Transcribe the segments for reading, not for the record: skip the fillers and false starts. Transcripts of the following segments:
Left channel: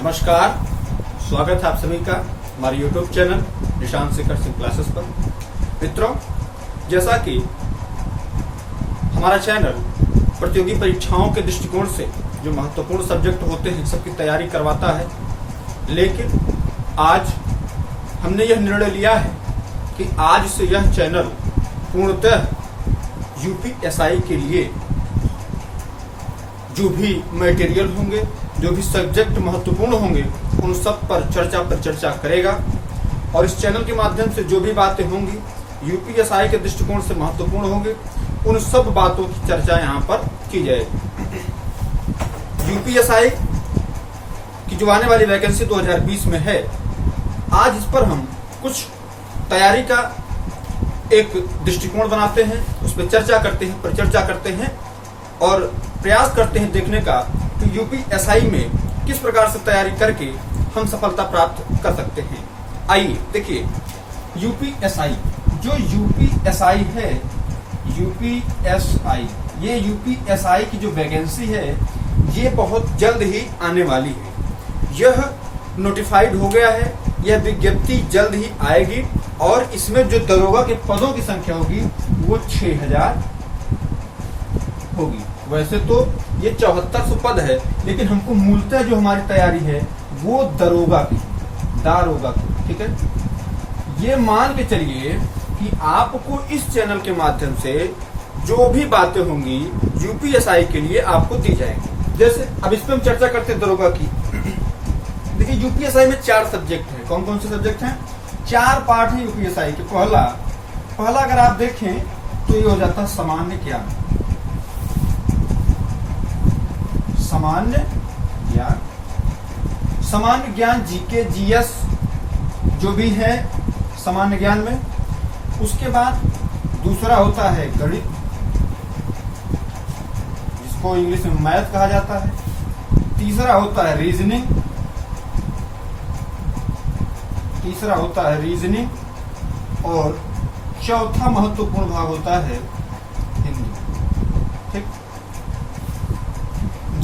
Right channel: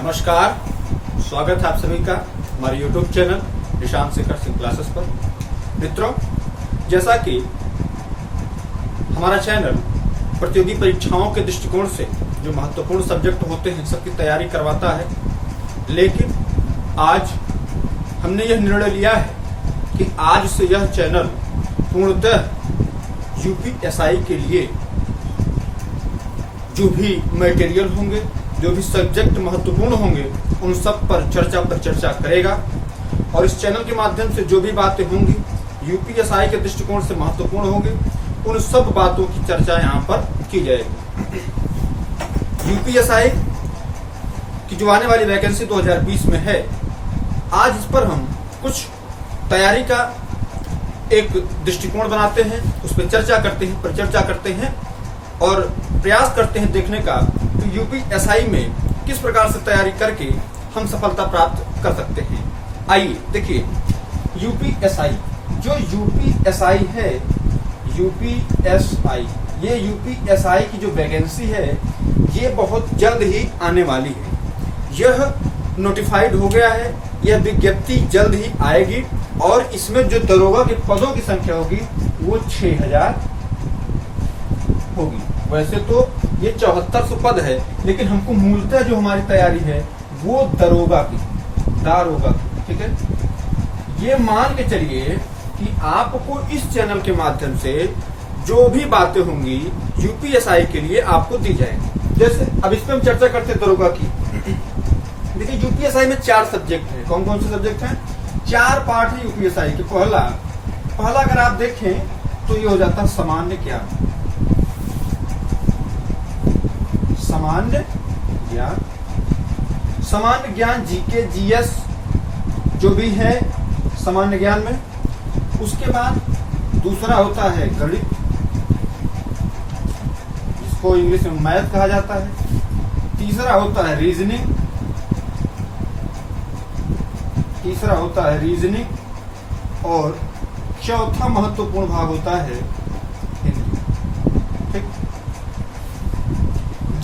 नमस्कार, स्वागत है आप सभी का हमारे YouTube channel Nishant Shekhar Singh classes पर। मित्रों, जैसा कि हमारा चैनल प्रतियोगी परीक्षाओं के दृष्टिकोण से जो महत्वपूर्ण सब्जेक्ट होते हैं सबकी तैयारी करवाता है, लेकिन आज हमने यह निर्णय लिया है कि आज से यह चैनल पूर्णतः यूपीएसआई के लिए जो भी मटेरियल होंगे, जो भी सब्जेक्ट महत्वपूर्ण होंगे, उन सब पर चर्चा करेगा। और इस चैनल के माध्यम से जो भी बातें होंगी यूपीएसआई के दृष्टिकोण से महत्वपूर्ण होंगे, उन सब बातों की चर्चा यहाँ पर की जाएगी। यूपीएसआई की जो आने वाली वैकेंसी 2020 में है, आज इस पर हम कुछ तैयारी का एक दृष्टिकोण बनाते हैं, उस पर चर्चा करते हैं, परिचर्चा करते हैं और प्रयास करते हैं देखने का कि यूपीएसआई में किस प्रकार से तैयारी करके हम सफलता प्राप्त कर सकते हैं। आइए देखिए, यूपीएसआई है, यूपीएसआई, ये यूपीएसआई की जो वैकेंसी है ये बहुत जल्द ही आने वाली है। यह नोटिफाइड हो गया है, यह विज्ञप्ति जल्द ही आएगी और इसमें जो दरोगा के पदों की संख्या होगी वो 6000 होगी। वैसे तो ये 7400 पद है, लेकिन हमको मूलतः जो हमारी तैयारी है वो दारोगा की, ठीक है। ये मान के चलिए कि आपको इस चैनल के माध्यम से जो भी बातें होंगी यूपीएसआई के लिए आपको दी जाएंगी। जैसे अब इस पे हम चर्चा करते हैं दारोगा की। देखिए, यूपीएसआई में 4 सब्जेक्ट है। कौन कौन से सब्जेक्ट हैं? 4 पार्ट है यूपीएसआई के। पहला अगर आप देखें तो ये हो जाता है सामान्य ज्ञान, सामान्य ज्ञान, जीके, जीएस जो भी है सामान्य ज्ञान में। उसके बाद दूसरा होता है गणित, जिसको इंग्लिश में मैथ कहा जाता है। तीसरा होता है रीजनिंग, और चौथा महत्वपूर्ण भाग होता है हिंदी। ठीक,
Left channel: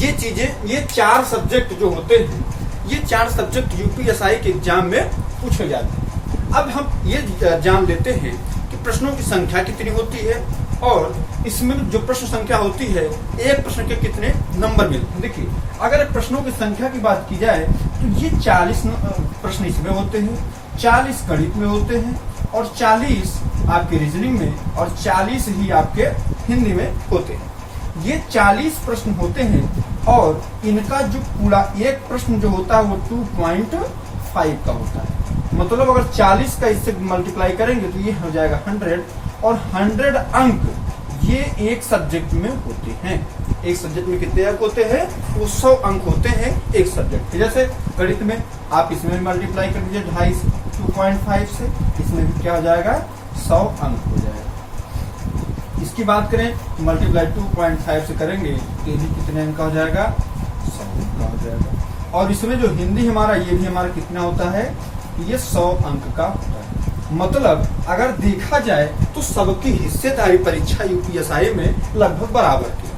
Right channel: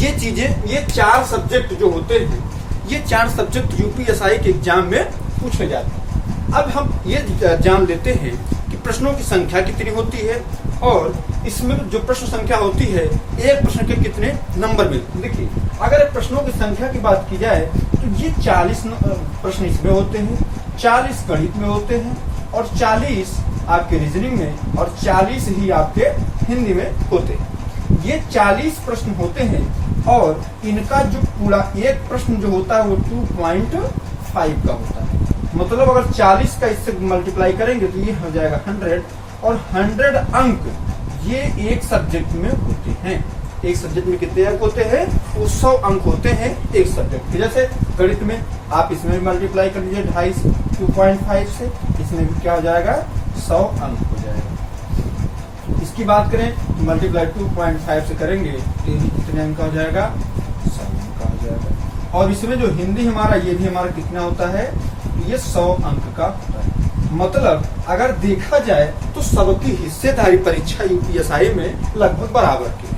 ये चीजें, ये 4 सब्जेक्ट जो होते हैं, ये 4 सब्जेक्ट यूपीएसआई के एग्जाम में पूछे जाते हैं। अब हम ये जान लेते हैं कि प्रश्नों की संख्या कितनी होती है और इसमें जो प्रश्न संख्या होती है एक प्रश्न के कितने नंबर मिलते हैं। देखिए, अगर प्रश्नों की संख्या की बात की जाए तो ये 40 प्रश्न इसमें होते हैं, 40 गणित में होते हैं और 40 आपके रीजनिंग में और 40 ही आपके हिंदी में होते हैं। ये 40 प्रश्न होते हैं और इनका जो पूरा एक प्रश्न जो होता है वो 2.5 का होता है। मतलब अगर 40 का इससे मल्टीप्लाई करेंगे तो ये हो जाएगा 100, और 100 अंक ये एक सब्जेक्ट में होते हैं। एक सब्जेक्ट में कितने अंक होते हैं? वो 100 अंक होते हैं एक सब्जेक्ट के। जैसे गणित में आप इसमें मल्टीप्लाई कर दीजिए 2.5 2.5 से, इसमें भी क्या हो जाएगा? 100 अंक हो जाएगा। इसकी बात करें मल्टीप्लाई 2.5 से करेंगे तो ये भी कितने अंक का हो जाएगा? 100 अंक का हो जाएगा। और इसमें जो हिंदी हमारा, ये भी हमारा कितना होता है? ये 100 अंक का होता है। मतलब अगर देखा जाए तो सबकी हिस्सेदारी परीक्षा यूपीएसआई में लगभग बराबर की।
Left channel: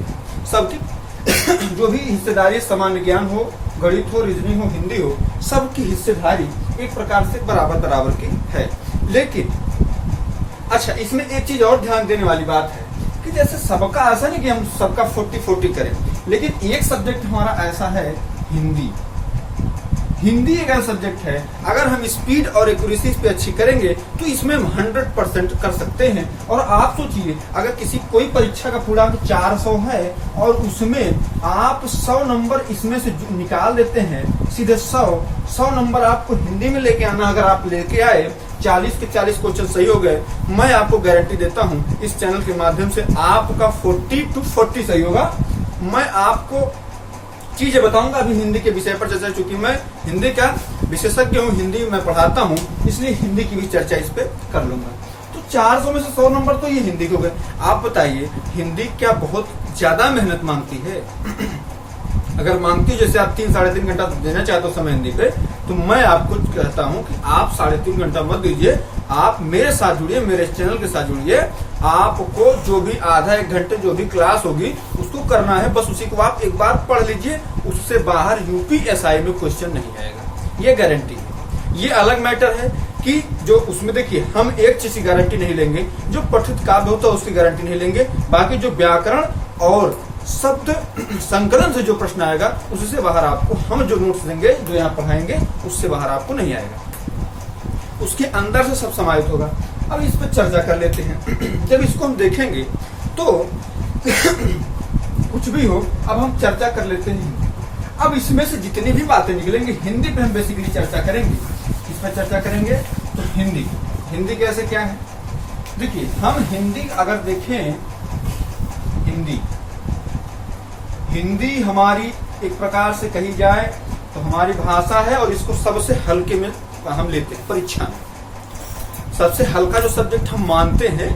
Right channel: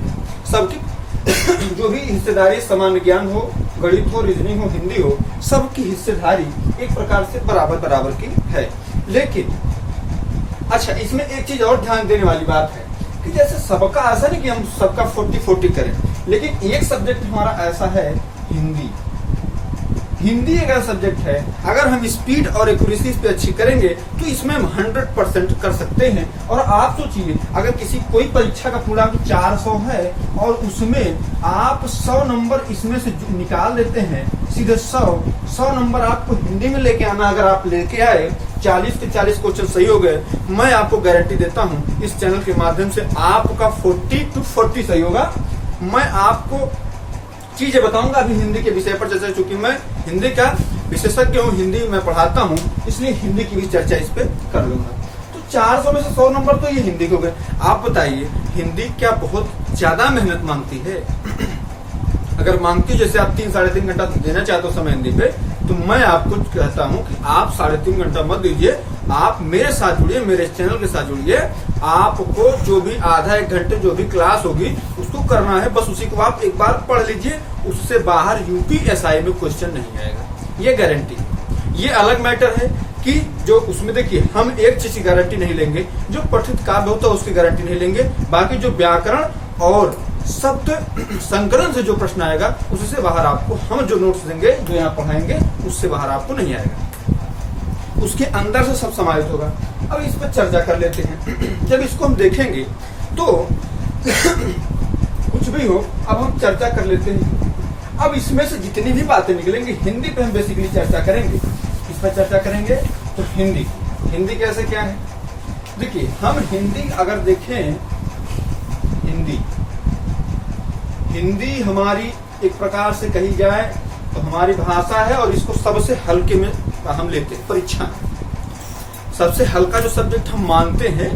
सबकी जो भी हिस्सेदारी, सामान्य ज्ञान हो, गणित हो, रीजनिंग हो, हिंदी हो, सबकी हिस्सेदारी एक प्रकार से बराबर की है। लेकिन अच्छा, इसमें एक चीज और ध्यान देने वाली बात है कि जैसे सबका ऐसा नहीं कि हम सबका 40-40 करें, लेकिन एक सब्जेक्ट हमारा ऐसा है हिंदी एक ऐसा सब्जेक्ट है, अगर हम स्पीड और एक्यूरेसी पे अच्छी करेंगे तो इसमें हम 100% कर सकते हैं। और आप सोचिए, अगर कोई परीक्षा का पूर्णांक 400 है और उसमें आप 100 नंबर इसमें से निकाल देते हैं, सीधे 100 नंबर आपको हिंदी में लेके आना। अगर आप लेके आए, 40 के 40 क्वेश्चन सही हो गए, मैं आपको गारंटी देता हूं इस चैनल के माध्यम से आपका 40 to 40 सही होगा। मैं आपको चीजें बताऊंगा अभी हिंदी के विषय पर चर्चा, चूंकि मैं हिंदी का विशेषज्ञ हूँ, हिंदी मैं पढ़ाता हूँ, इसलिए हिंदी की भी चर्चा इस पे कर लूंगा। तो 400 में से 100 नंबर तो ये हिंदी के हो गए। आप बताइए, हिंदी क्या बहुत ज्यादा मेहनत मांगती है? अगर मांगती, जैसे आप 3-3.5 घंटा देना चाहते हो समय हिंदी पे, तो मैं आपको कहता हूँ कि आप 3.5 घंटा मत दीजिए, आप मेरे साथ जुड़िए, मेरे चैनल के साथ जुड़िए। आपको जो भी आधा एक घंटे जो भी क्लास होगी उसको करना है, बस उसी को आप एक बार पढ़ लीजिए। उससे बाहर यूपीएसआई में क्वेश्चन नहीं आएगा, ये गारंटी है। ये अलग मैटर है कि जो उसमें देखिए हम एक चीज की गारंटी नहीं लेंगे, जो पठित काव्य होता है उसकी गारंटी नहीं लेंगे। बाकी जो व्याकरण और शब्द संकलन से जो प्रश्न आएगा उससे बाहर आपको हम जो नोट्स देंगे, जो यहाँ पढ़ाएंगे, उससे बाहर आपको नहीं आएगा। उसके अंदर से सब समाहित होगा। अब इस पर चर्चा कर लेते हैं। जब इसको हम देखेंगे तो कुछ भी हो, अब हम चर्चा कर लेते हैं। अब इसमें से जितनी भी बातें निकलेंगी हिंदी पे हम बेसिकली चर्चा करेंगे। इस पर चर्चा करेंगे तो हिंदी कैसे क्या है। देखिए हम हिंदी अगर देखें, हिंदी हमारी एक प्रकार से कही जाए तो हमारी भाषा है और इसको सबसे हल्के में हम लेते हैं। परीक्षा में सबसे हल्का जो सब्जेक्ट हम मानते हैं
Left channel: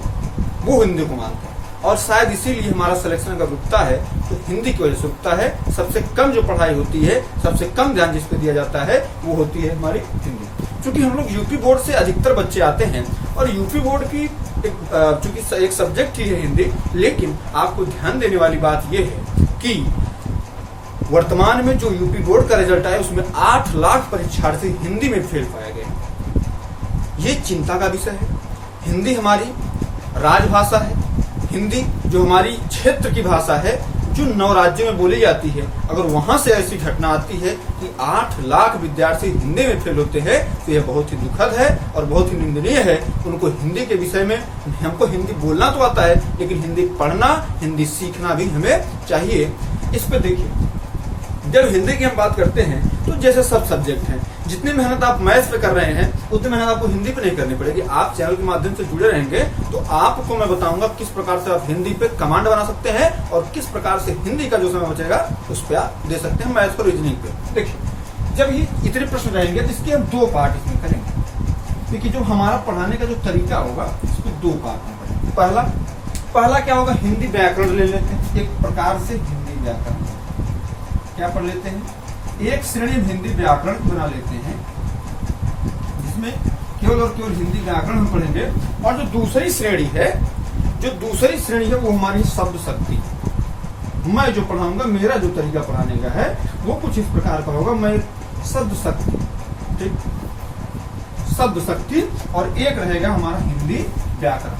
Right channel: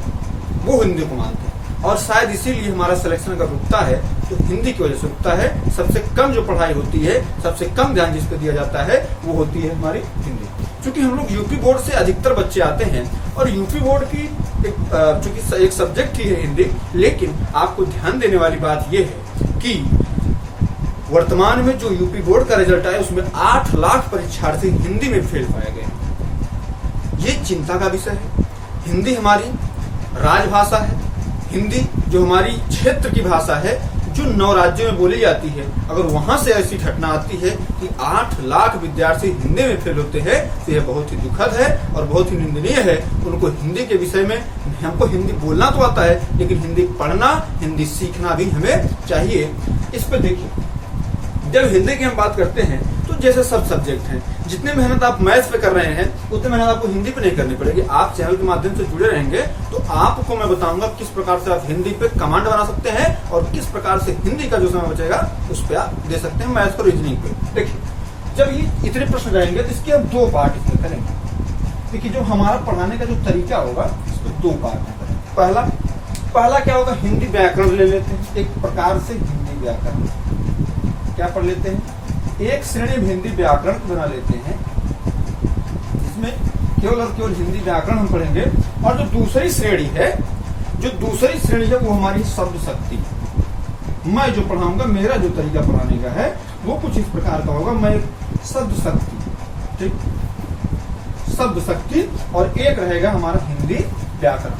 वो हिंदी को मानते हैं, और शायद इसीलिए हमारा सिलेक्शन का रुकता है तो हिंदी की वजह से रुकता है। सबसे कम जो पढ़ाई होती है, सबसे कम ध्यान जिस पे दिया जाता है वो होती है हमारी हिंदी। क्योंकि हम लोग यूपी बोर्ड से अधिकतर बच्चे आते हैं और यूपी बोर्ड की चूंकि एक सब्जेक्ट ही है हिंदी, लेकिन आपको ध्यान देने वाली बात यह है कि वर्तमान में जो यूपी बोर्ड का रिजल्ट आया उसमें 8 लाख परीक्षार्थी हिंदी में फेल पाए गए। ये चिंता का विषय है। हिंदी हमारी राजभाषा है, हिंदी जो हमारी क्षेत्र की भाषा है, जो 9 राज्यों में बोली जाती है। अगर वहां से ऐसी घटना आती है कि 8 लाख विद्यार्थी हिंदी में फेल होते हैं तो यह बहुत ही दुखद है और बहुत ही निंदनीय है। उनको हिंदी के विषय में, हमको हिंदी बोलना तो आता है लेकिन हिंदी पढ़ना, हिंदी सीखना भी हमें चाहिए। इस पर देखिए, जब हिंदी की हम बात करते हैं तो जैसे सब सब्जेक्ट हैं, जितनी मेहनत आप मैथ्स पे कर रहे हैं उतनी मेहनत आपको हिंदी पे नहीं करनी पड़ेगी। आप चैनल के माध्यम से जुड़े रहेंगे तो आपको मैं बताऊंगा किस प्रकार से आप हिंदी पे कमांड बना सकते हैं और किस प्रकार से हिंदी का जो समय बचेगा उस पर आप दे सकते हैं मैथ्स और रीजनिंग पे। देखिए जब ये इतने प्रश्न रहेंगे तो इसके हम 2 पार्ट इसमें करेंगे। देखिए जो हमारा पढ़ाने का जो तरीका होगा इसको 2 पार्ट में करेंगे। पहला क्या होगा, हिंदी व्याकरण ले लेते हैं। एक प्रकार से हिंदी व्याकरण क्या पढ़ लेते हैं, एक श्रेणी हिंदी व्याकरण बना लेते हैं जिसमें केवल और केवल हिंदी व्याकरण हम पढ़ेंगे। और जो दूसरी श्रेणी है वो हमारी शब्द शक्ति। मैं जो पढ़ाऊंगा, मेरा जो तरीका पढ़ाने का है वो कुछ इस प्रकार का होगा। मैं शब्द शक्ति, ठीक, शब्द शक्ति, और एक रहेगा हमारा हिंदी व्याकरण।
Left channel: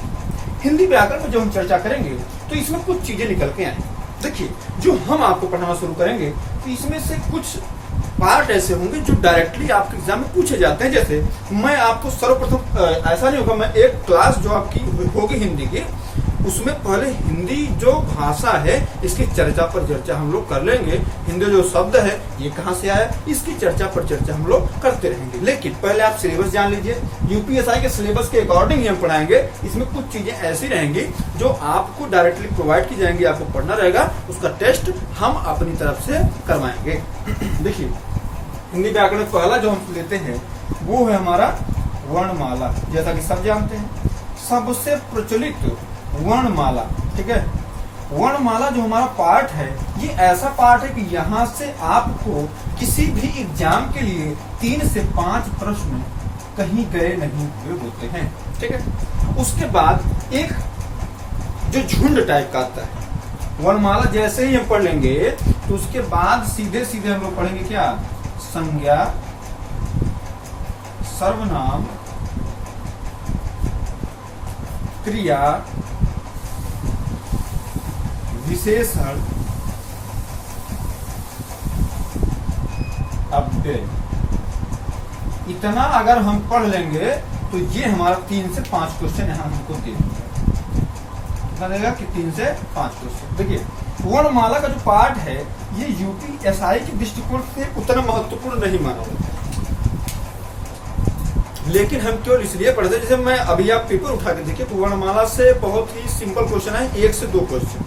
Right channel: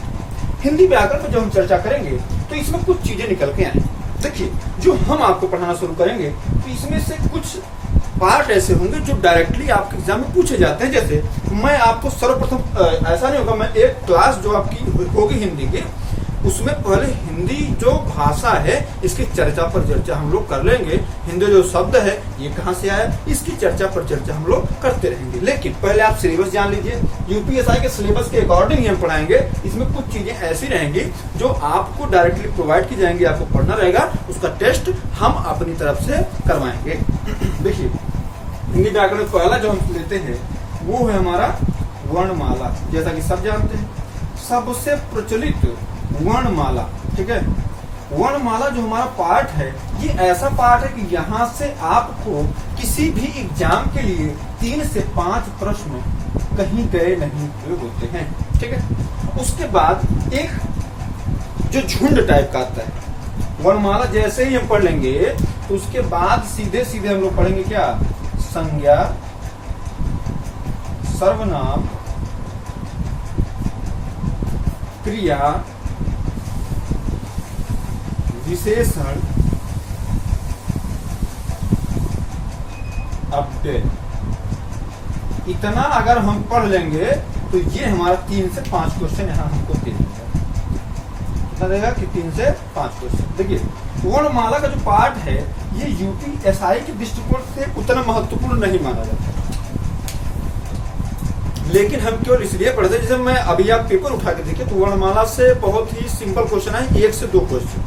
हिंदी व्याकरण पर जो हम चर्चा करेंगे तो इसमें कुछ चीजें निकल के आएंगी। देखिए जो हम आपको पढ़ाना शुरू करेंगे तो इसमें से कुछ पार्ट ऐसे होंगे जो डायरेक्टली आपके एग्जाम में पूछे जाते हैं। जैसे मैं आपको सर्वप्रथम, ऐसा नहीं होगा, मैं एक क्लास जो आपकी होगी हिंदी की उसमें पहले हिंदी जो भाषा है इसकी चर्चा पर चर्चा हम लोग कर लेंगे। हिंदी जो शब्द है ये कहाँ से आया, इसकी चर्चा पर चर्चा हम लोग करते रहेंगे। लेकिन पहले आप सिलेबस जान लीजिए। यूपीएसआई के सिलेबस के अकॉर्डिंग ही हम पढ़ाएंगे। इसमें कुछ चीजें ऐसी रहेंगी जो आपको डायरेक्टली प्रोवाइड की जाएंगी, आपको पढ़ना रहेगा, उसका टेस्ट हम अपनी तरफ से करवाएंगे। देखिए हिंदी व्याकरण पहला जो हम लेते हैं वो है हमारा वर्णमाला। जैसा कि सब जानते हैं सबसे प्रचलित वर्णमाला, ठीक है। वर्णमाला जो हमारा पार्ट है ये ऐसा पार्ट है कि यहाँ से आपको किसी भी एग्जाम के लिए 3 से 5 प्रश्न कहीं गए नहीं हुए होते हैं, ठीक है। उसके बाद एक जो झुंड टाइप का आता है वर्णमाला, जैसे ही हम पढ़ लेंगे तो उसके बाद सीधे सीधे हम लोग पढ़ेंगे क्या, संज्ञा, सर्वनाम, क्रिया, विशेषण, अव्यय। इतना अगर हम पढ़ लेंगे तो ये हमारा 3 से 5 क्वेश्चन यहाँ हमको दे देगा। कितना देगा कि 3 से 5 क्वेश्चन। देखिए वर्णमाला का जो पार्ट है ये यूपीएसआई के दृष्टिकोण से उतना महत्वपूर्ण नहीं माना जाता, लेकिन हम केवल इसलिए पढ़ते, जैसे मैं अभी आप पेपर उठा के देखिए तो वर्णमाला से बहुत ही सिंपल क्वेश्चन है, 1 से 2 क्वेश्चन,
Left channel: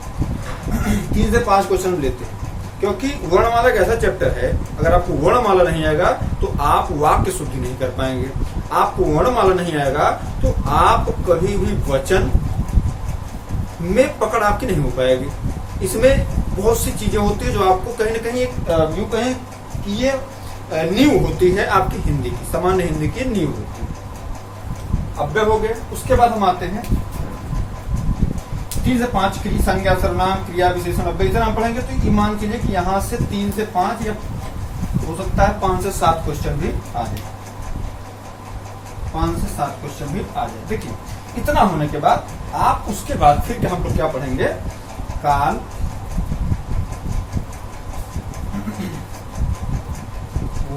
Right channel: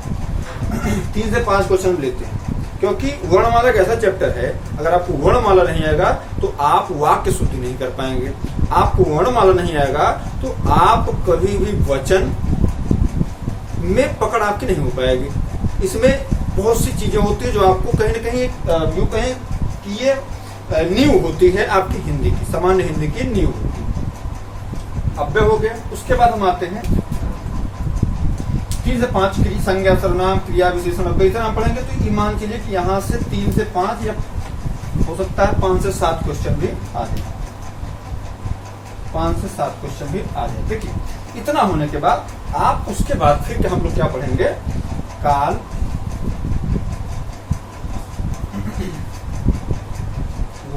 3 से 5 क्वेश्चन लेते हैं। क्योंकि वर्णमाला एक ऐसा चैप्टर है, अगर आपको वर्णमाला नहीं आएगा तो आप वाक्य शुद्धि नहीं कर पाएंगे। आपको वर्णमाला नहीं आएगा तो आप कभी भी वचन में पकड़ आपकी नहीं हो पाएगी। इसमें बहुत सी चीजें होती है जो आपको कहीं न कहीं यूं कहें कि ये नींव होती है आपकी हिंदी की, सामान्य हिंदी की नींव होती है। अव्यय हो गया। उसके बाद हम आते हैं 3 से 5 क्रिया, संज्ञा, सर्वनाम, क्रिया, विशेषण, अव्यय, इतना हम पढ़ेंगे। तो ये मान के लिए कि यहाँ से 3 से 5 या हो सकता है 5 से 7 क्वेश्चन भी आ जाए, 5 से 7 क्वेश्चन भी आ जाए। देखिए इतना होने के बाद आप उसके बाद फिर हम लोग क्या पढ़ेंगे, काल,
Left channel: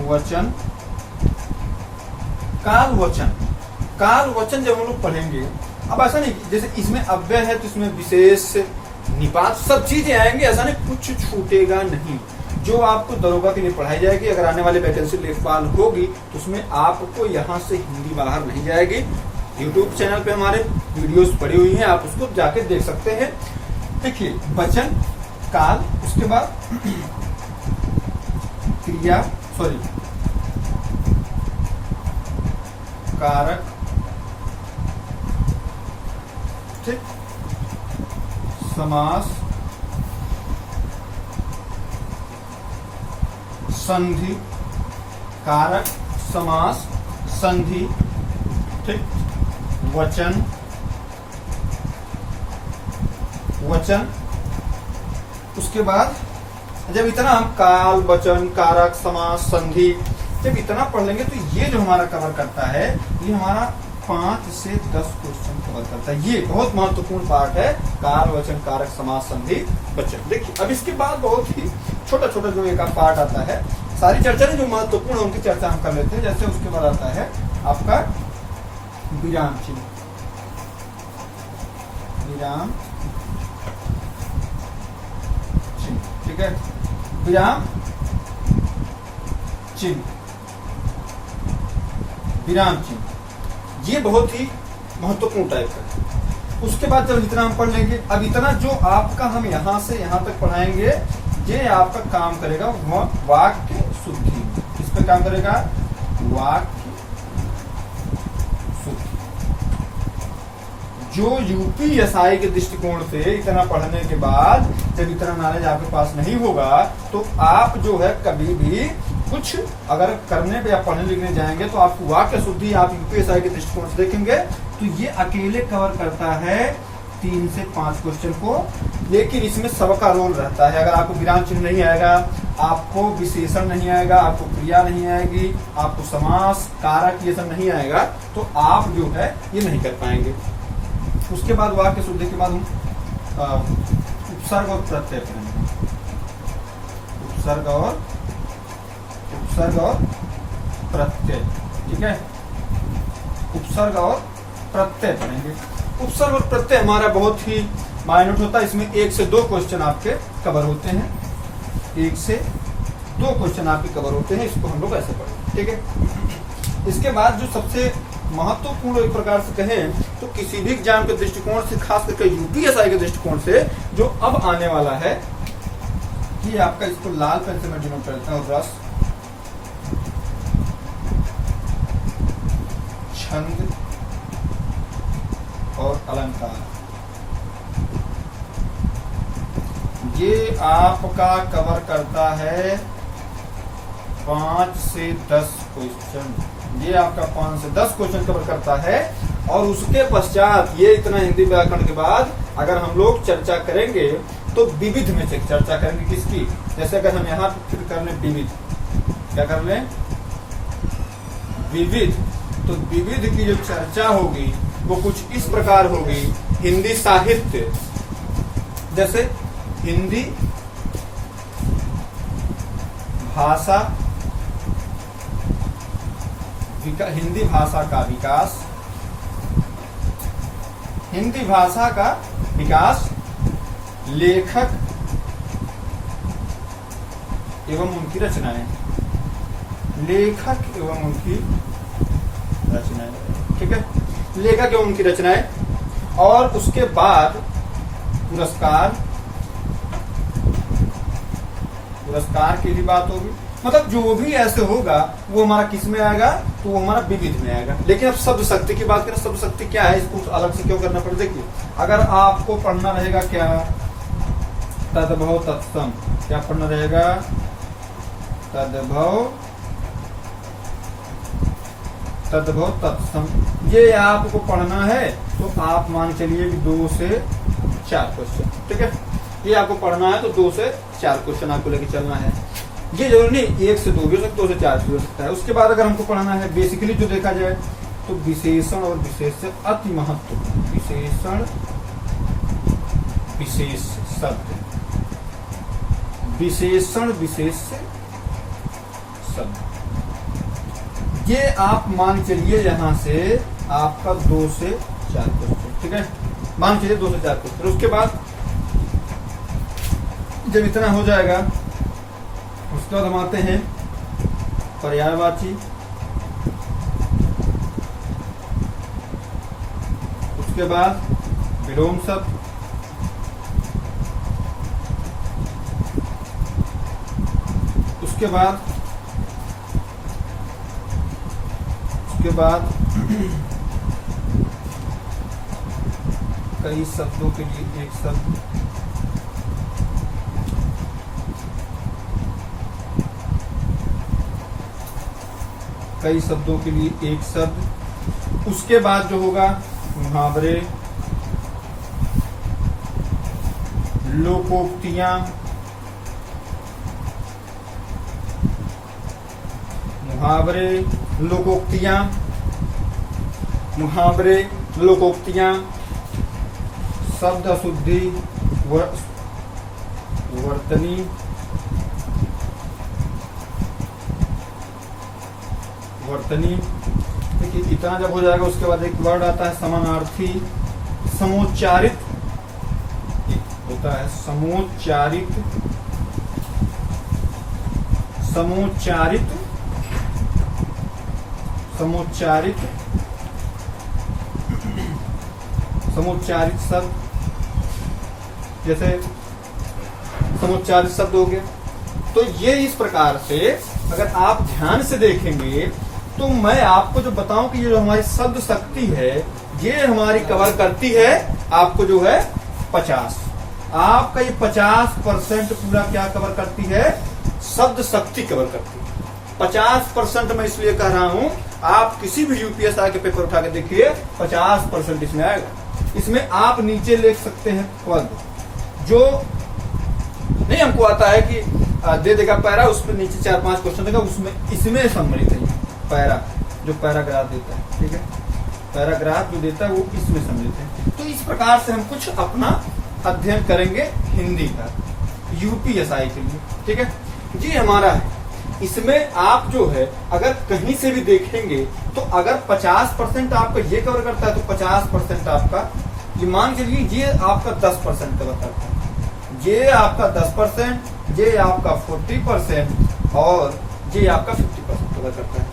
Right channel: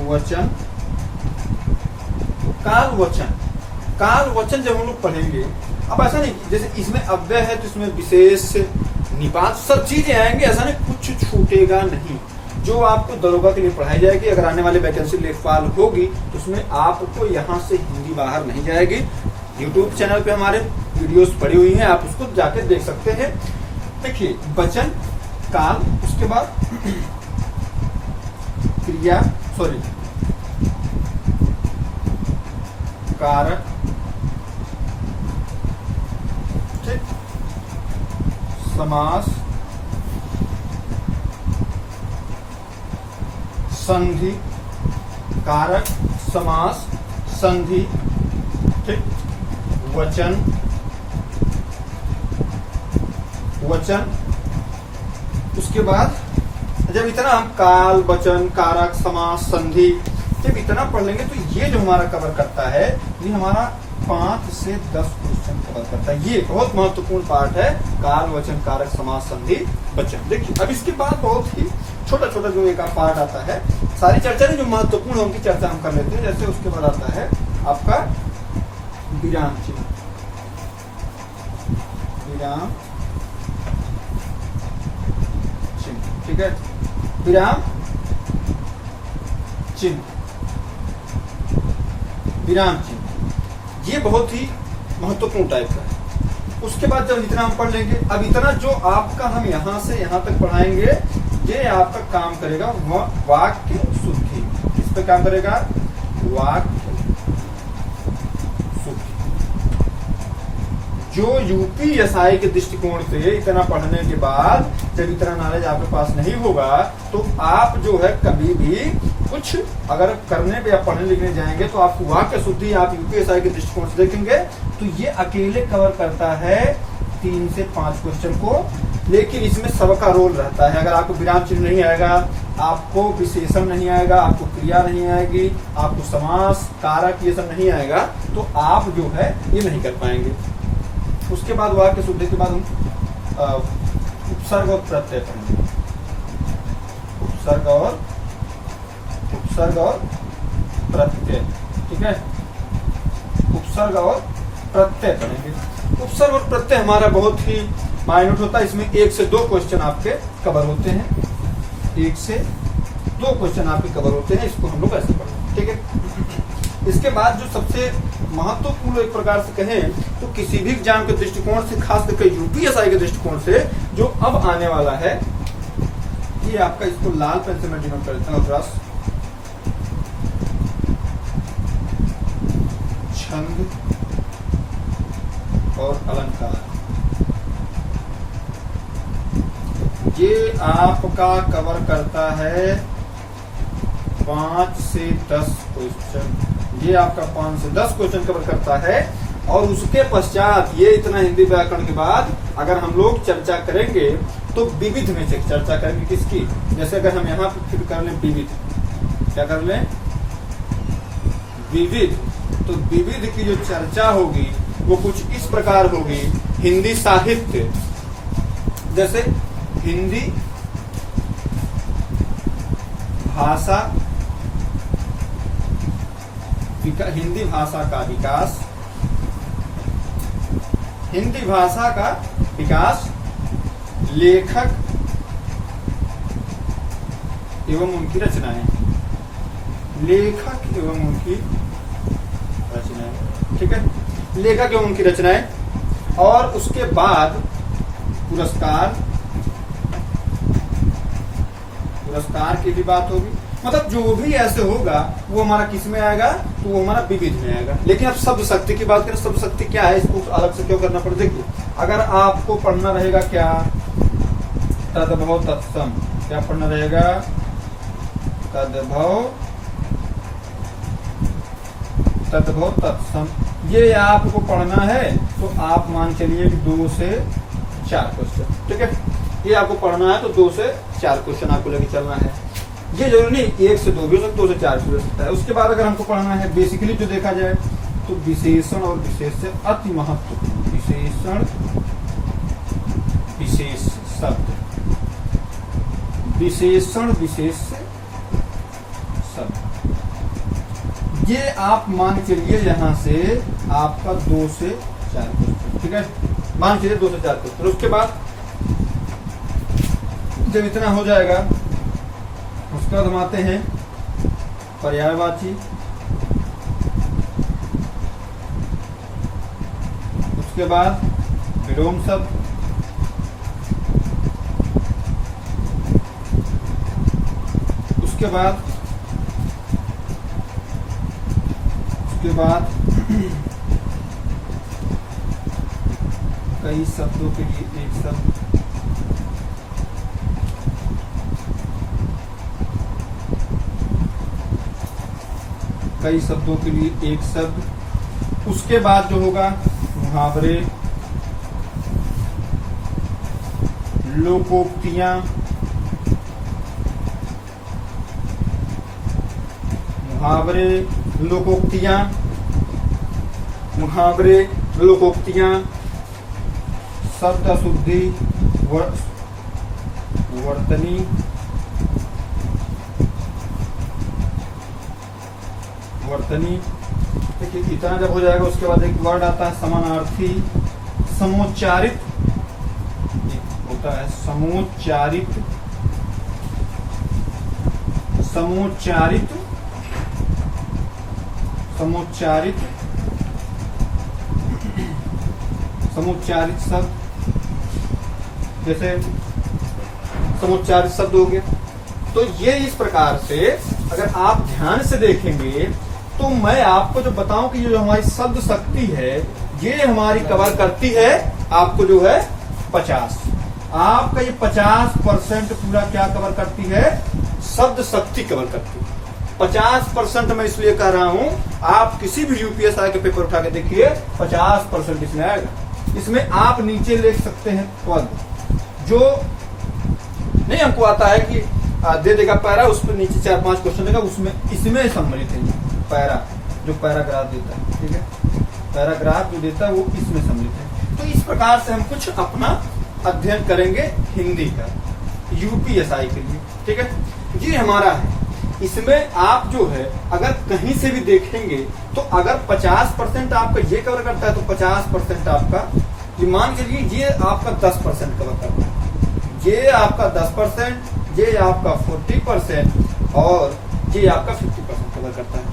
वचन, काल वचन। काल वचन जब हम लोग पढ़ेंगे, अब ऐसा नहीं जैसे इसमें अव्यय है तो इसमें विशेष, निपात, सब चीजें आएंगे, ऐसा नहीं कुछ छूटेगा नहीं। जो आपको दरोगा के लिए पढ़ाई जाएगी, अगर आने वाली वैकेंसी लेखपाल होगी तो उसमें आपको यहाँ से हिंदी बाहर नहीं जाएगी। यूट्यूब चैनल पे हमारे वीडियोस पड़ी हुई हैं, आप उसको जाके देख सकते हैं। देखिए वचन, काल, उसके बाद क्रिया, सॉरी कारक, ठीक, समास, संधि, कारक, समास, संधि, ठीक, वचन, वचन। उसके बाद जब इतना हम काल, वचन, कारक, समास, संधि जब इतना पढ़ लेंगे तो ये जो हमारा कवर करता है, ये हमारा 5 से 10 क्वेश्चन कवर करता है। ये बहुत महत्वपूर्ण पार्ट है, काल, वचन, कारक, समास, संधि, वचन। देखिए अब इसके बाद बहुत ही छोटा छोटा जो एक पार्ट आता है, सारी चर्चा जो महत्वपूर्ण है उनकी चर्चा हम कर लेते हैं। जैसे उसके बाद आता है आपका विराम चिन्ह, विराम चिन्ह, ठीक है, विराम चिन्ह, विराम चिन्ह, ये बहुत ही महत्वपूर्ण टाइप का है। उसके बाद जब इतना हम पढ़ लेंगे, अब इतना जो आपका हम यहाँ से यहाँ तक पढ़ाएंगे, ये आपका काम करेगा वाक्य शुद्धि। इस पे काम करेगा वाक्य शुद्धि। जो यूपीएसआई के दृष्टिकोण से इतना पढ़ने के बाद जब इतना नॉलेज आपके पास नहीं होगा तो आप जो है कभी भी कुछ अगर करने पे या पढ़ने लिखने जाएंगे तो आपको वाक्य शुद्धि आप यूपीएसआई के दृष्टिकोण से देखेंगे तो ये अकेले कवर करता है 3 से 5 क्वेश्चन को। लेकिन इसमें सबका रोल रहता है। अगर आपको विराम चिन्ह नहीं आएगा, आपको विशेषण नहीं आएगा, आपको क्रिया नहीं आएगी, आपको समास, कारक ये सब नहीं आएगा तो आप जो है ये नहीं कर पाएंगे। उसके बाद वाक्य शुद्धि के बाद हम उपसर्ग और प्रत्यय पढ़ेंगे। उपसर्ग और प्रत्यय, ठीक है, उपसर्ग और प्रत्यय पढ़ेंगे। उपसर्ग और प्रत्यय हमारा बहुत ही माइन्यूट होता है। इसमें 1 से 2 क्वेश्चन आपके कवर होते हैं, 1 से 2 क्वेश्चन आपके कवर होते हैं। इसको हम लोग ऐसे पढ़ेंगे, ठीक है। इसके बाद जो सबसे महत्वपूर्ण एक प्रकार से कहें तो किसी भी एग्जाम के दृष्टिकोण से, खास करके यूपीएसआई के दृष्टिकोण से जो अब आने वाला है, ये आपका, इसको लाल पेन से मैं डिनोट करता हूँ, ब्रश, छंद और अलंकार। ये आपका कवर करता है 5 से 10 क्वेश्चन। ये आपका 5 से 10 क्वेश्चन कवर करता है। और उसके पश्चात ये इतना हिंदी व्याकरण के बाद अगर हम लोग चर्चा करेंगे तो विविध में से चर्चा करेंगे। किसकी? जैसे अगर हम यहाँ पे फिर कर लें विविध, क्या कर लें? विविध। तो विविध की जो चर्चा होगी वो कुछ इस प्रकार होगी। हिंदी साहित्य, जैसे हिंदी भाषा, हिंदी भाषा का विकास, हिंदी भाषा का विकास, लेखक एवं उनकी रचनाएं, लेखक एवं उनकी रचनाएं, ठीक है, लेखक एवं उनकी रचनाएं। और उसके बाद पुरस्कार, पुरस्कार की भी बात होगी। मतलब जो भी ऐसे होगा वो हमारा किस में आएगा? तो वो हमारा विविध में आएगा। लेकिन अब शब्द शक्ति की बात करें, शब्द शक्ति क्या है, इसको अलग से क्यों करना पड़ेगा? देखिए, अगर आपको पढ़ना रहेगा क्या, तद्भव तत्सम, क्या पढ़ना रहेगा? तद्भव तद्भव तत्सम, ये आपको पढ़ना है तो आप मान चलिए कि 2 से 4 क्वेश्चन, ठीक है। ये आपको पढ़ना है तो 2 से 4 क्वेश्चन आपको लेके चलना है। ये जरूरी नहीं 1 से 2 भी हो सकता है, 2 से 4 भी हो सकता है। उसके बाद अगर हमको पढ़ना है बेसिकली जो देखा जाए तो विशेषण और विशेष से अति महत्वपूर्ण, विशेषण विशेष शब्द, विशेषण विशेष शब्द, ये आप मान चलिए यहां से आपका 2 से 4 क्वेश्चन, ठीक है। मान चलिए 2 से 4 क्वेश्चन। उसके बाद जब इतना हो जाएगा उसके बाद हम आते हैं पर्यायवाची, उसके बाद विलोम शब्द, उसके बाद कई शब्दों के लिए एक शब्द, कई शब्दों के लिए एक शब्द। उसके बाद जो होगा मुहावरे, लोकोक्तियां, मुहावरे लोकोक्तियां, मुहावरे लोकोक्तियां, शब्द अशुद्धि, वर्तनी, वर्तनी। देखिए इतना जब हो जाएगा उसके बाद एक वर्ड आता है समानार्थी, समोच्चारित, होता है समोच्चारित, समोच्चारित, समोच्चारित, समोच्चारित शब्द, जैसे समोच्चारित शब्द हो गए। तो ये इस प्रकार से अगर आप ध्यान से देखेंगे तो मैं आपको जो बताऊं कि ये जो हमारी शब्द शक्ति है ये हमारी कवर करती है आपको जो है 50, आपका ये 50% पूरा क्या कवर करती है, शब्द शक्ति कवर करती है। 50% मैं इसलिए कह रहा हूं, आप किसी भी यूपीएसआई के पेपर उठा के देखिए 50% इसमें आएगा। इसमें आप नीचे लिख सकते हैं पद, जो नहीं हमको आता है कि दे देगा पैरा, उस पर नीचे 4-5 क्वेश्चन देगा, उसमें इसमें सम्मिलित है पैरा, जो पैराग्राफ देता है, ठीक है, पैराग्राफ जो देता है वो इसमें सम्मिलित है। तो इस प्रकार से हम कुछ अपना अध्ययन करेंगे हिंदी का यूपीएसआई के लिए, ठीक है। ये हमारा है, इसमें आप जो है अगर कहीं से भी देखेंगे तो अगर 50% आपका ये कवर करता है तो 50% आपका, ये मान के लिए ये आपका 10% कवर करता है, ये आपका 10%, ये आपका 40% और ये आपका 50% कवर करता है।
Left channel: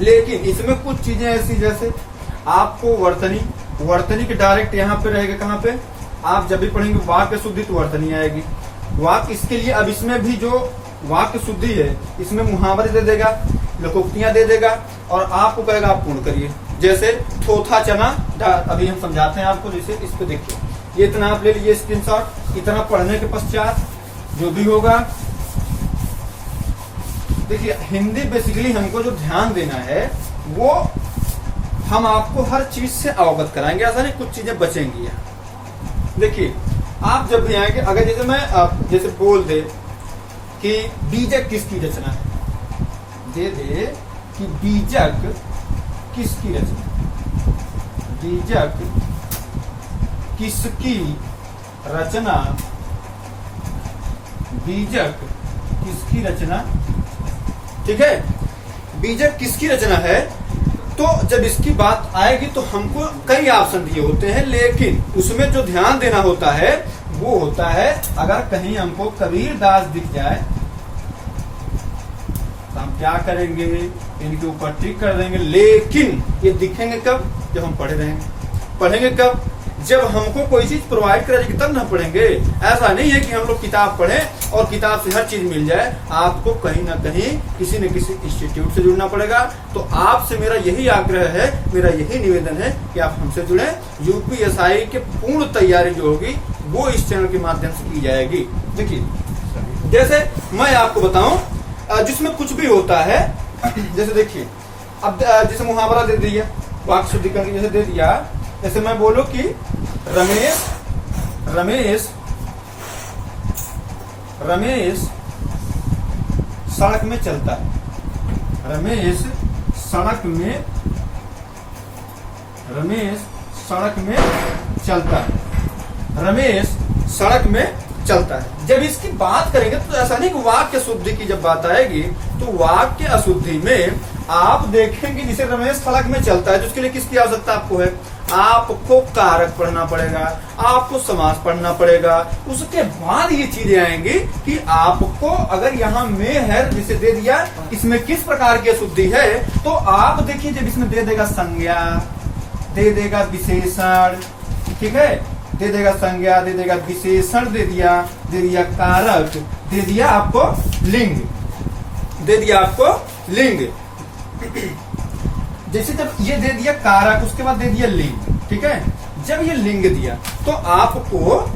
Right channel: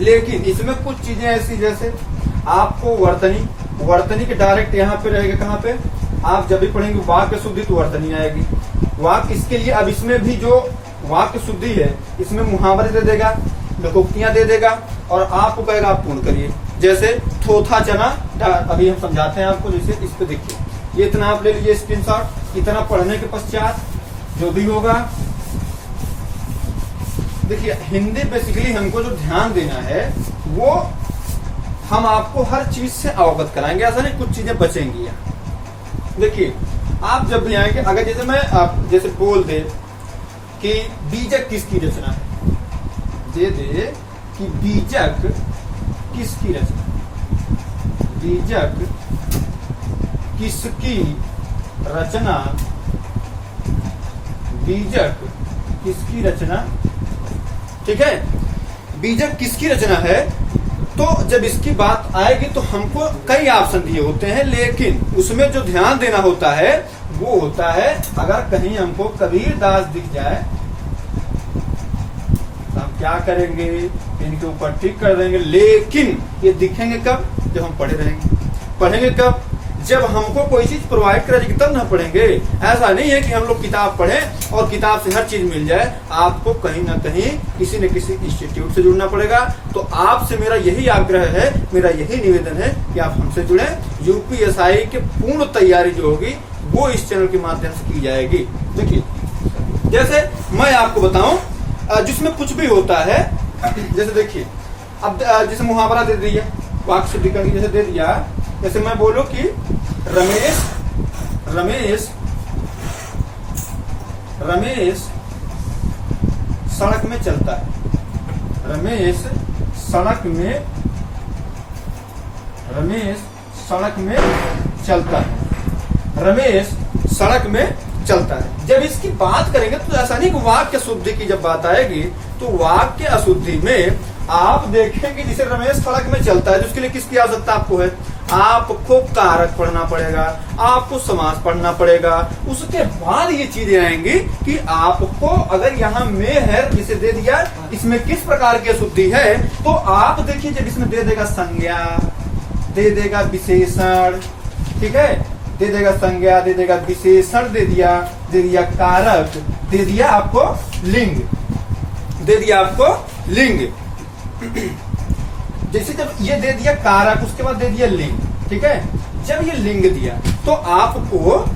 लेकिन इसमें कुछ चीजें ऐसी, जैसे आपको वर्तनी, वर्तनी के डायरेक्ट यहाँ पे रहेगा, कहाँ पे आप जब भी पढ़ेंगे वाक्य शुद्धि तो वर्तनी आएगी। वाक्य इसके लिए अब इसमें भी जो वाक्य शुद्धि है इसमें मुहावरे दे देगा, लोकोक्तियां दे देगा और आपको कहेगा आप पूर्ण करिए। जैसे थोथा चना, अभी हम समझाते हैं आपको, जैसे इस पे देखिए, ये इतना आप ले लीजिए स्क्रीनशॉट, इतना पढ़ने के पश्चात जो भी होगा, देखिए हिंदी बेसिकली हमको जो ध्यान देना है वो हम आपको हर चीज से अवगत कराएंगे, ऐसा नहीं कुछ चीजें बचेंगी। देखिए आप जब भी आएंगे, अगर जैसे मैं आप जैसे बोल दे कि बीजक किसकी रचना है, दे दे कि बीजक किसकी रचना, बीजक किसकी रचना, बीजक किसकी रचना, ठीक है, बीजक किसकी रचना है। तो जब इसकी बात आएगी तो हमको कई ऑप्शन दिए होते हैं, लेकिन उसमें जो ध्यान देना होता है वो होता है अगर कहीं हमको कबीर दास दिख जाए तो हम क्या करेंगे, इनके ऊपर टिक कर देंगे। लेकिन ये दिखेंगे कब, जब हम पढ़े रहेंगे। पढ़ेंगे कब, जब हमको कोई चीज प्रोवाइड करेगी तब ना पढ़ेंगे। ऐसा नहीं है कि हम लोग किताब पढ़ें और किताब से हर चीज मिल जाए, आपको कहीं ना कहीं किसी न किसी इंस्टीट्यूट से जुड़ना पड़ेगा। तो आपसे मेरा यही आग्रह है, मेरा यही निवेदन है कि आप हमसे जुड़े। यूपीएसआई की पूर्ण तैयारी जो होगी वो इस चैनल के माध्यम से की जाएगी। देखिए जैसे मैं आपको बताऊं, जिसमें कुछ भी होता है, जैसे देखिए अब जैसे मुहावरा दे दिया, वाक्य शुद्धिकरण जैसे दे दिया, जैसे मैं बोलूं कि रमेश सड़क में चलता है। रमेश सड़क में चलता है। रमेश सड़क में चलता है। जब इसकी बात करेंगे तो ऐसा नहीं कि वाक्य शुद्धि की जब बात आएगी तो वाक्य अशुद्धि में आप देखेंगे जिसे रमेश सड़क में चलता है, जिसके लिए किसकी आवश्यकता आपको है? आपको कारक पढ़ना पड़ेगा, आपको समास पढ़ना पड़ेगा। उसके बाद ये चीजें आएंगी कि आपको अगर यहाँ में है जिसे दे दिया, इसमें किस प्रकार की अशुद्धि है, तो आप देखिए जब इसमें दे देगा संज्ञा, दे देगा विशेषण, ठीक है, दे देगा संज्ञा, दे देगा विशेषण, दे दिया कारक, दे दिया आपको लिंग, जैसे जब ये दे दिया कारक उसके बाद दे दिया लिंग, ठीक है। जब ये लिंग दिया तो आपको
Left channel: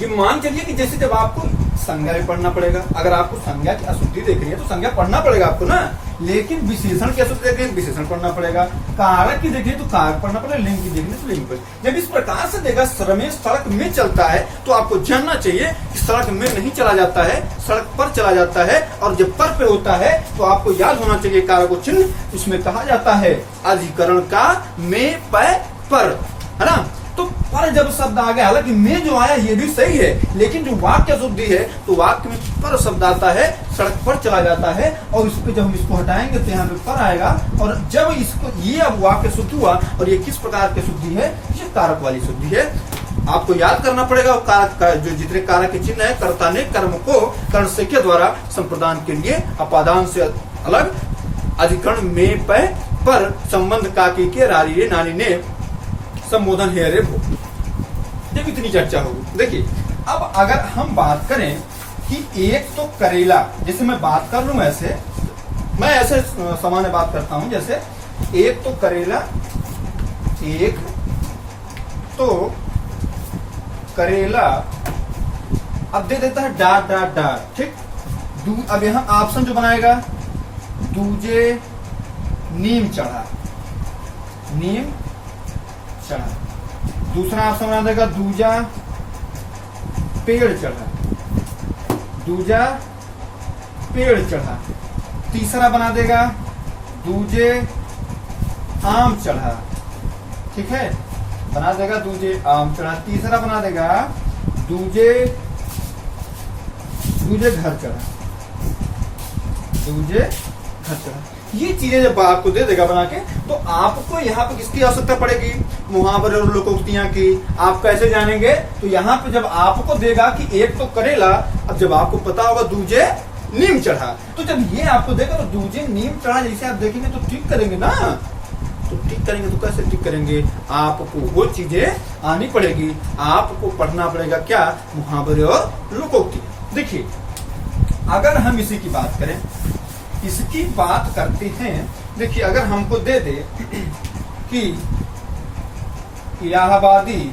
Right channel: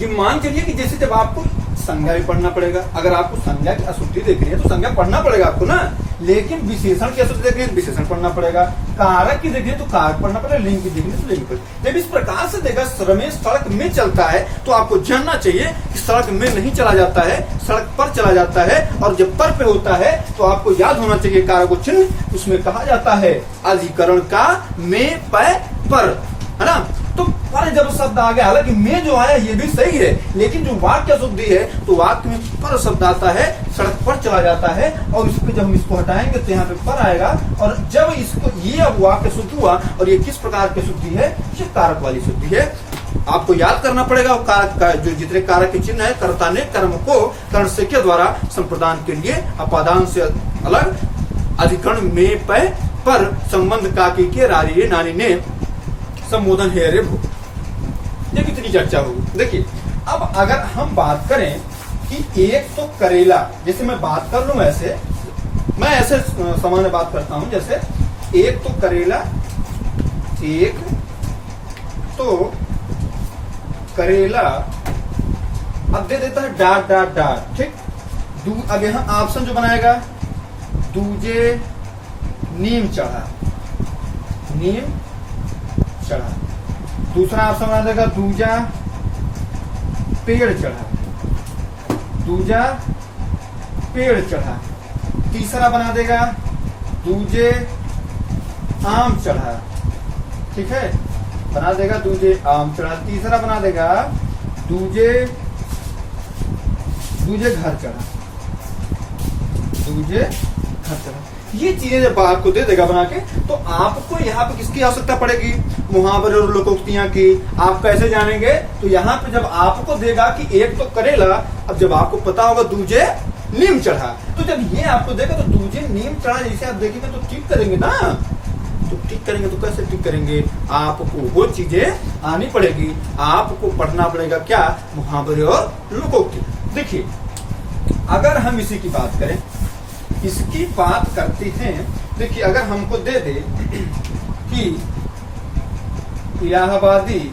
ये मान चलिए कि जैसे जब आपको संज्ञा भी पढ़ना पड़ेगा, अगर आपको संज्ञा की अशुद्धि देख रही है तो संज्ञा पढ़ना पड़ेगा आपको ना, लेकिन विशेषण की अशुद्धि देख रही है विशेषण पढ़ना पड़ेगा, कारक की देख रही है तो कारक पढ़ना पड़ेगा, लिंग की देख रही है तो लिंग पढ़ेगा। जब इस प्रकार से देगा रमेश सड़क में चलता है तो आपको जानना चाहिए कि सड़क में नहीं चला जाता है, सड़क पर चला जाता है, और जब पर पे होता है तो आपको याद होना चाहिए कारक चिन्ह, उसमें कहा जाता है अधिकरण का में पर, है ना। तो पर जब शब्द आ गया, हालांकि में जो आया ये भी सही है, लेकिन जो वाक्य शुद्धि है तो वाक्य में पर शब्द आता है, सड़क पर चला जाता है, और इस पे जब हम इसको हटाएंगे तो यहाँ पे पर आएगा, और जब इसको ये अब वाक्य शुद्ध हुआ, और ये किस प्रकार की शुद्धि है? ये कारक वाली शुद्धि है। आपको याद करना पड़ेगा कारक का जो जितने कारक के चिन्ह है, कर्ता ने कर्म को कर्ण से के द्वारा संप्रदान के लिए अपादान से अलग अधिकरण में पर संबंध काकी के रारी नानी ने संबोधन है रे भो। ये कितनी चर्चा होगी। देखिए अब अगर हम बात करें कि एक तो करेला, जैसे मैं बात कर लूं ऐसे, मैं ऐसे सामान्य बात करता हूं, जैसे एक तो करेला, एक तो करेला, अब दे देता है डाट, ठीक। अब यहां ऑप्शन जो बनाएगा दूजे नीम चढ़ा, दूसरा ऑप्शन बना देगा दूजा पेड़ चढ़ा, तीसरा बना देगा दूजे आम चढ़ा, ठीक है, बना देगा दूजे आम चढ़ा, तीसरा बना देगा दूजे घर चढ़ा, ये चीजें जब आपको दे देगा बना के, तो आपको यहाँ पे किसकी आवश्यकता पड़ेगी? मुहावरे और लोकोक्तियां की। आप कैसे जानेंगे? तो यहाँ पे जब आपको देगा कि एक तो करेला, अब जब आपको पता होगा दूजे नीम चढ़ा, तो जब ये आपको देगा तो दूजे नीम चढ़ा जैसे आप देखेंगे तो ठीक करेंगे ना, तो ठीक करेंगे तो कैसे ठीक करेंगे? आपको वो चीजें आनी पड़ेगी, आपको पढ़ना पड़ेगा क्या? मुहावरे और लोकोक्ति। देखिए अगर हम इसी की बात करें, इसकी बात करते हैं, देखिए अगर हमको दे दे कि इलाहाबादी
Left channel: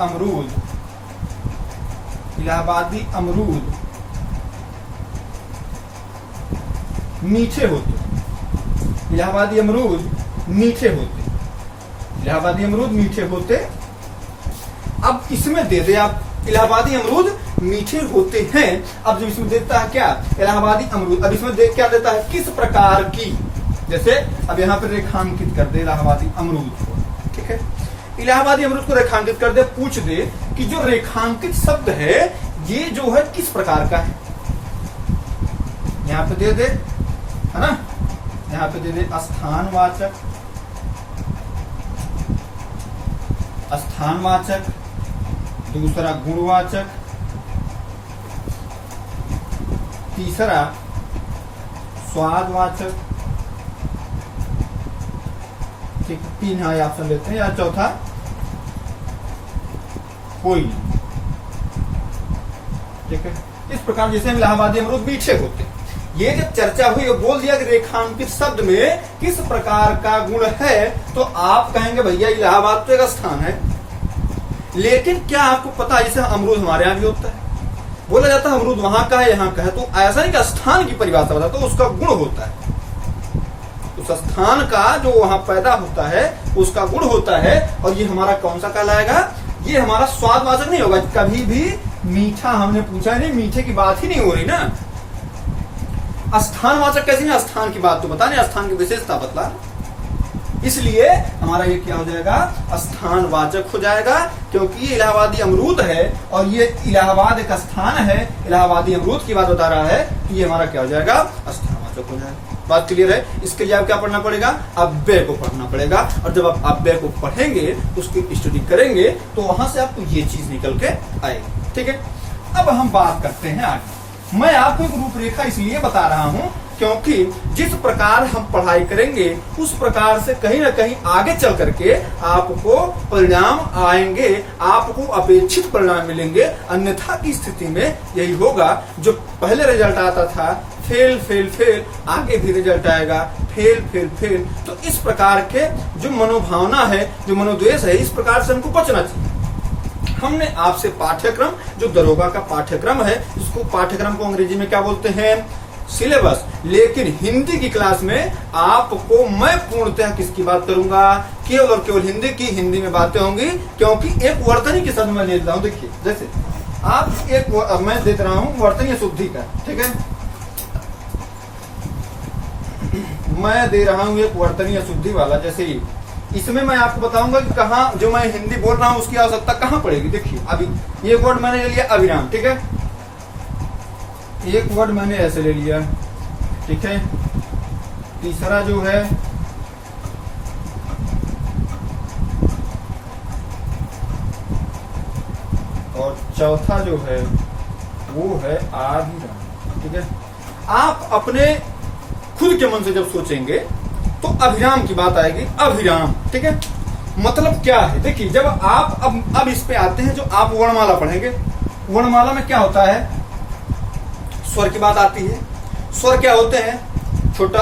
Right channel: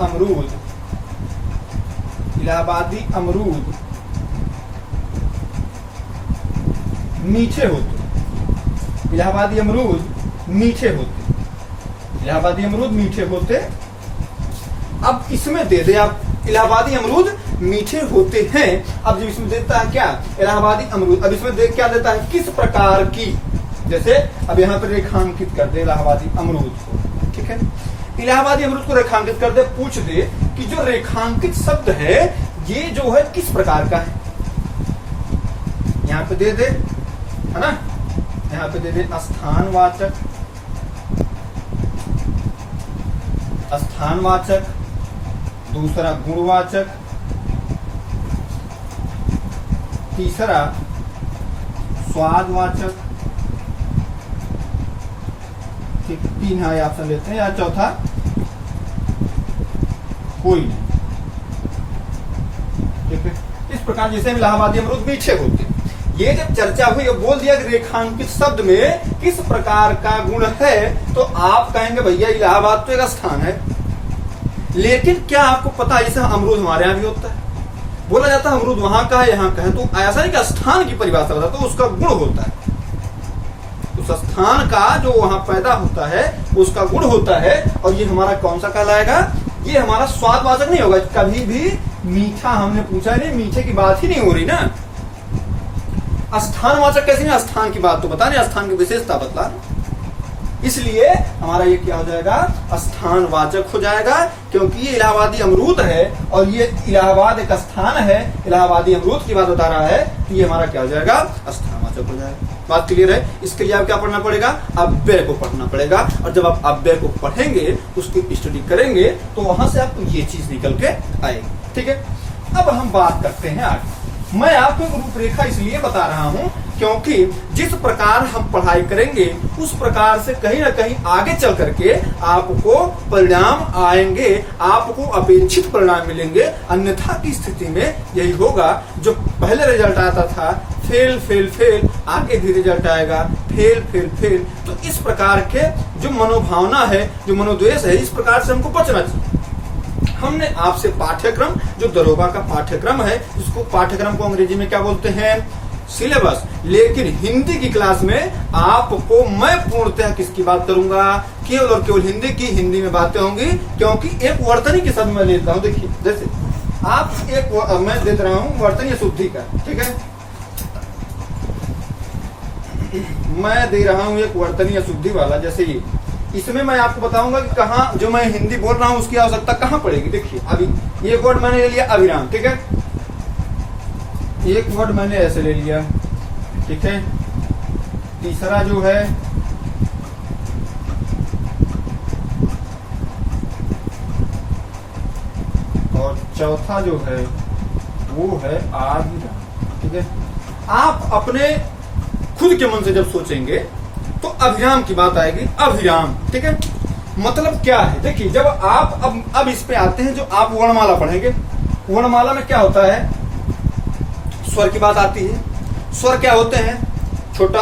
अमरूद मीठे होते, इलाहाबादी अमरूद मीठे होते। अब इसमें दे दे आप इलाहाबादी अमरूद मीठे होते हैं। अब जब इसमें देता है क्या? इलाहाबादी अमरूद। अब इसमें देख क्या देता है? किस प्रकार की, जैसे अब यहाँ पे रेखांकित कर दे इलाहाबादी अमरूद को, ठीक है, इलाहाबादी अमरूद को रेखांकित कर दे, पूछ दे कि जो रेखांकित शब्द है ये जो है किस प्रकार का है, यहाँ पे दे दे, है ना, यहाँ पे दे दे स्थानवाचक, दूसरा गुणवाचक, तीसरा स्वादवाचक, ठीक, 3 ऑप्शन लेते हैं, या चौथा कोई नहीं, ठीक है। इस प्रकार जैसे इलाहाबादी अमरूद मीठे होते हैं, ये जब चर्चा हुई और बोल दिया कि रेखांकित शब्द में किस प्रकार का गुण है, तो आप कहेंगे भैया इलाहाबाद तो एक स्थान है, लेकिन क्या आपको पता है इसे अमरूद हमारे यहाँ भी होता है? बोला जाता है अमरूद वहां का है यहाँ का है, तो ऐसा नहीं कि स्थान की परिभाषा बताता, तो उसका गुण होता है, उस स्थान का जो वहां पैदा होता है उसका गुण होता है। और ये हमारा कौन सा कहलाएगा, ये हमारा स्वादवाचक नहीं होगा कभी भी। मीठा हमने पूछा नहीं, मीठे की बात ही नहीं हो रही ना। स्थानवाचक कैसे है, स्थान की बात तो बता नहीं, स्थान की विशेषता बतला, इसलिए हमारा ये क्या हो जाएगा, स्थानवाचक हो जाएगा। क्योंकि ये इलाहाबादी अमरूद है और ये इलाहाबाद एक स्थान है, इलाहाबादी अमरूद की बात बता रहा है, तो ये हमारा क्या हो जाएगा, स्थानवाचक हो जाएगा। बात क्लियर है। इसके लिए आप क्या पढ़ना पड़ेगा, अव्यय को पढ़ना पड़ेगा। और जब आप अव्यय को पढ़ेंगे, उसकी स्टडी करेंगे, तो वहां से आपको ये चीज निकल के आएगी। ठीक है, अब हम बात करते हैं आगे। मैं आपको एक रूपरेखा इसलिए बता रहा हूं क्योंकि जिस प्रकार हम पढ़ाई करेंगे उस प्रकार से कहीं ना कहीं आगे चल करके आपको परिणाम आएंगे, आपको अपेक्षित परिणाम मिलेंगे। अन्यथा की स्थिति में यही होगा, जो पहले रिजल्ट आता था फेल फेल फेल, आगे भी रिजल्ट आएगा फेल फेल फेल। तो इस प्रकार के जो मनोभावना है, जो मनोद्वेष है, इस प्रकार से हमको बचना चाहिए। हमने आपसे पाठ्यक्रम, जो दरोगा का पाठ्यक्रम है, उसको पाठ्यक्रम को अंग्रेजी में क्या बोलते हैं, सिलेबस। लेकिन हिंदी की क्लास में आपको मैं पूर्णतः किसकी बात करूंगा, केवल और केवल हिंदी की, हिंदी में बातें होंगी। क्योंकि एक वर्तनी के शब्द मैं देता हूं, देखिए जैसे आप एक मैं देता रहा हूं वर्तनीय शुद्धि का, ठीक है, मैं दे रहा हूं एक वर्तनीय शुद्धि वाला। जैसे ये, इसमें मैं आपको बताऊंगा कि कहाँ जो मैं हिंदी बोल रहा हूं उसकी आवश्यकता कहाँ पड़ेगी। देखिए अभी ये वर्ड मैंने ले लिया अविराम, ठीक है, एक वर्ड मैंने ऐसे ले लिया, ठीक है। तीसरा जो है और चौथा जो है वो है आधिराम, ठीक है। आप अपने खुद के मन से जब सोचेंगे तो अभिराम की बात आएगी, अभिराम, ठीक है। मतलब क्या है, देखिए जब आप अब इस पे आते हैं, जो आप वर्णमाला पढ़ेंगे, वर्णमाला में क्या होता है, स्वर की बात आती है। स्वर क्या होते हैं, छोटा